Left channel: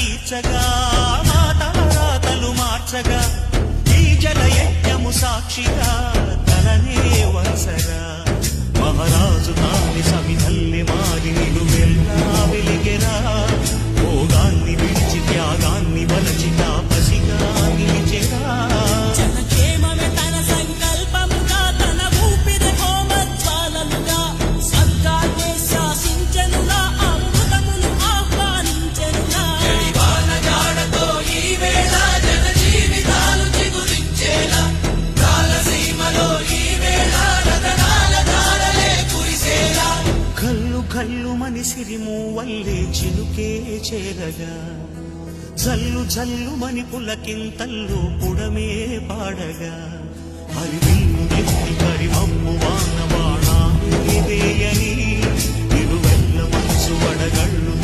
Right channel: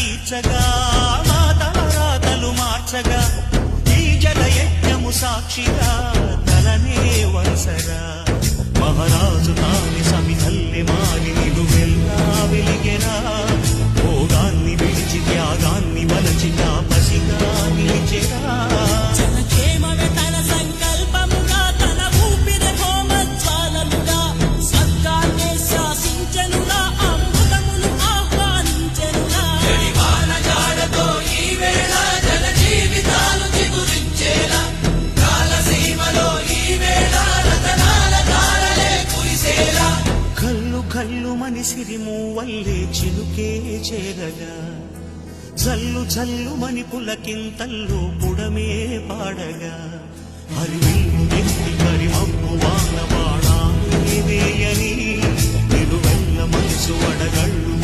తీర్చగా మా తలరాతలు మార్చగా ఈ జలయజ్ఞము సాక్షిగా తలనే వసరా మహారాజు తాని సమిధల్లి మారి నిలువెల్లా వెలిగెరా భోగాన్ని విడిచి త్యాగాన్ని వలచి తాపసిగా నిలిచెరా జనక్షేమమే తన సంకల్పముగా తన ఊపిరి హోమజ్వాలముగా స్వర్గాన్నే శాసించెనురా అమృతమును ఆహ్వానించెనురా ఈ వేళ జన జీవితాలు చిగురించేలా కాలసీమలో ఈ వేళ రతనాల ధారలే కురిసేలా కల్లు కల్లు మని సిరిము వల్లే చిలుకే చేరగా జల్లు జల్లు మని పులకింతల్లు పుడమే పాడగా హరివిల్లు ఎత్తి కరిమప్పు వాన బాణాలే వేయని నిలువెల్ల మనసు వడగళ్ళు